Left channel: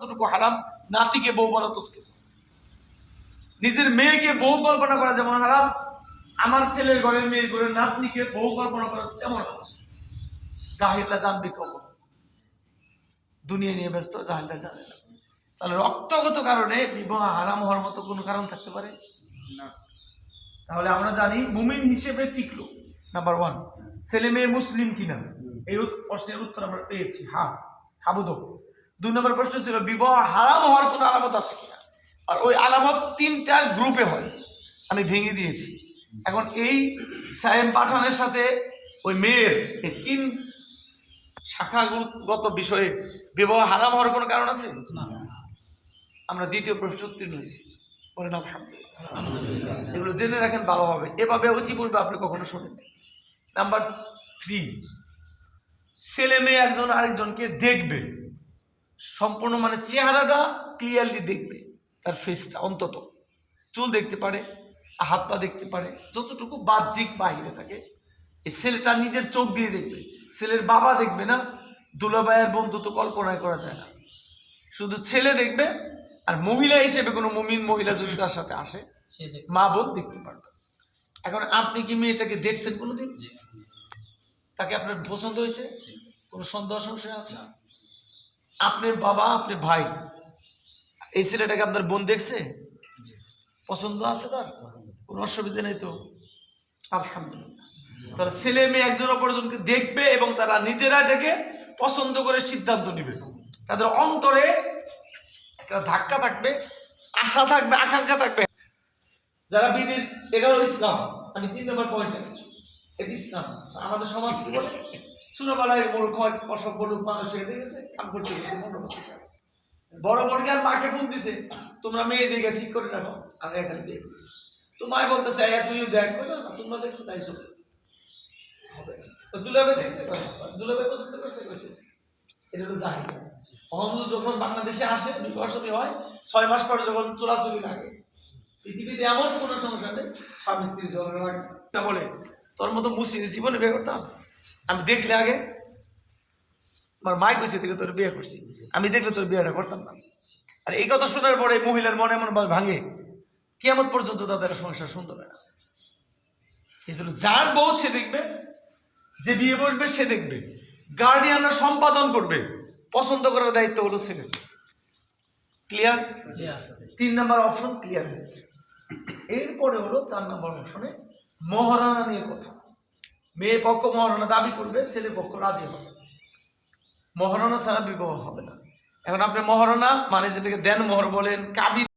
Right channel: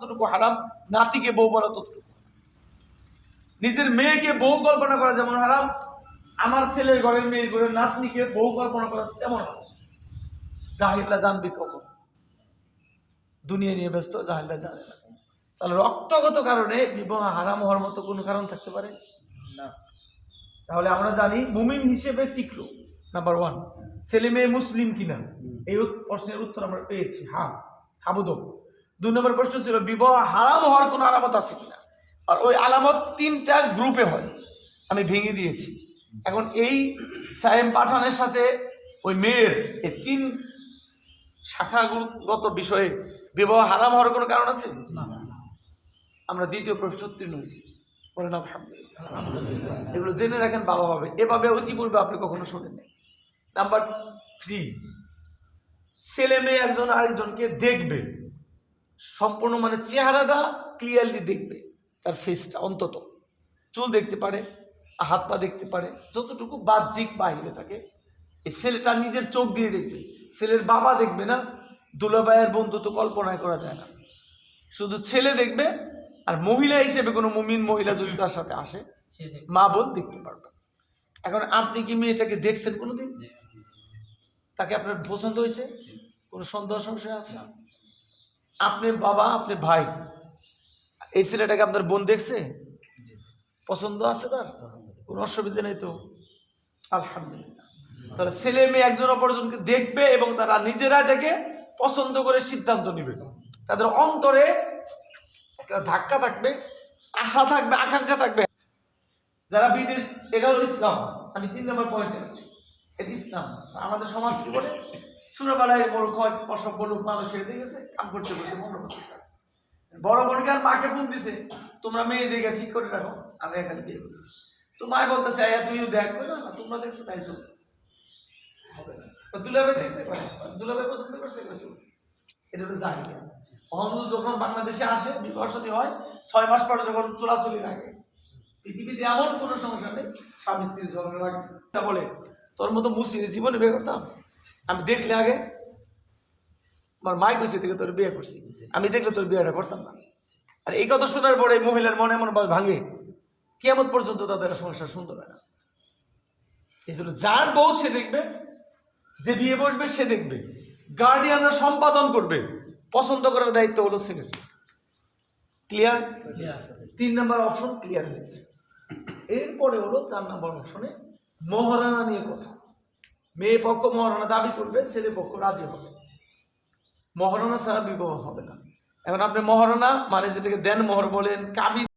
কতটুকু হারাম নাতিকে বউ বলা ততটুকু। নিজের মেয়েকে বউ কল্পনা করা যেমন হারাম আমার ছেলের ঘরের মেয়ের ঘরের নাতনিকে বউ কল্পনা করা তেমন হারাম। জাহিররা জানবে কখন। দুনিয়া নিয়ে ব্যস্ত জাহিররা জানে তাহলে রক্তগত কারণে বিবাহ হারাম হওয়ার মতো কোনো কারণ থাকতে পারে? না। তাহলে আমরা জানি মুমিন হিসেবে টিকলো। নাম্বার ওয়ান ছেলে মেয়ে মুসলিম কিনা? এই প্রশ্নের উত্তর আমরা পেয়েছি। হ্যাঁ হাবুদক দুই নম্বর প্রশ্ন ছিল বিবাহ হারাম হওয়ার কোনো আলামত আছে কিনা? আর ওই আলামত তিনটা গ্রুপে হয়। আমি ভেঙে দিয়েছি। এখন এই সায়েম পাঠানের সাথে ওই মেয়ের এই তিন শাখাগত বিষয়ে বিবাহ হারাম হওয়ার কোনো কারণ আছে? আমরা দ্বিতীয় প্রশ্ন উত্তীর্ণ হয়েছি। বলেন আলহামদুলিল্লাহ। এগুলো জেনে রাখেন ভালোভাবে। এভাবে ইতিপূর্বে আপনি কখনো শোনেন নাম্বার থ্রি ছেলে মেয়ে একজন আরেকজনকে দেখবে। সম্পূর্ণ মানে চেহারাটা ক্লিয়ারলি দেখবে তার ফেসটা অন্তত। চুল দেখতে পারে হাত পা দেখতে পারে যতটুকু বাহ্যিক বাহিরে থাকে এই ছেলেটা নিজের চোখ দিয়ে দেখবে। ছেলের বাবা দেখবে না দুলাভাইয়ের বন্ধু তো কল্পনায় করা যায় না। শুধু ছেলে দেখবে আর মহিলা হিসেবে কোনো মুমিন মহিলা যদি তার সাথে আসে সে মা বোন দেখতে পারবে। এখন আপনি কি মেয়েটাকে দেখছেন কোনোদিন? তাকে আপনার পছন্দ হয়েছে? কোনো সন্দেহ সংশয় আছে আপনি বাবা, আপনি ভাই। এই ছেলেটাকে আপনার বোন দেখছে? পছন্দ আছে তার? কোনো অসুবিধা নেই তো? আলহামদুলিল্লাহ। তাহলে ছেলে মেয়ে একজন অপরজনকে দেখবে এবং তারা নিজেরা এটাকে পছন্দ করে সিদ্ধান্ত নেবে। তাদের অন্তরে একটা ধাক্কা থাকবে, আশা থাকবে, আকাঙ্ক্ষা থাকবে। যারা বিদেশ এটা হলো ইসলাম। আমি তিন নম্বর পয়েন্টে আছি। এটা ইসলাম। আমাদের সমাজ কি বলে? ছোটবেলায় কয় অসভ্য লোক মানুষ এসে দেখেছে কাম করতে করতে মনে গেছে। বড় বোনকে আর মাকে ফোন দিছে তোমরা মেয়ে দেখে ঠিক করে রাখো আমি এখানে বিয়ে করি তো মা বলতেছে "আয়া, তুইও দেখ না তোমরা দেখছ তাই চলো হবে না। দেখছে। দুলাভাই পছন্দ করছে চলো। এটা হলো জাহির অহন্দু যখন বাংলাদেশে আসে বিবাহ সাথী হয় ছয় মাস পরে যখন চলাচলি লাগে পৃথিবীতে এমন কোনো সমস্যা নেই স্বামী স্ত্রী ঝগড়া লাগে বলে তোর মতো মুসির জীবনে বিয়ে করতাম আমি দেখলে আগে। আমার মাই কইছে থেকে তোর বিয়ে করছি। আমি দেখলে তোর বিয়েটা করতাম না। আর এই কথা শোনার পরে মহিলার মনে এমন ভাঙে কেমন পর্যন্ত তাদের সংসার সুন্দর হয় না। এই জন্য যার বউ সে দেখবে যে বিয়ে বসবে সে দেখবে। গার্ডিয়ানরা সম্পাদন করবে। পছন্দ করার দায়িত্ব হলো ছেলে ক্লিয়ার তিন নম্বর অপশন ক্লিয়ার হয়েছে। এরপরে হলো চার নম্বর অপশনে মহারানা নিয়ে কথা। মেয়ে পক্ষ মহারণা দাবি করবে ছেলে পক্ষ রাজি হবে। মহারণা ছাড়া বিবাহ হবে না। এখন আপনি মহারণা মানে যেটাকে দেন মোহর বলেন, কাবি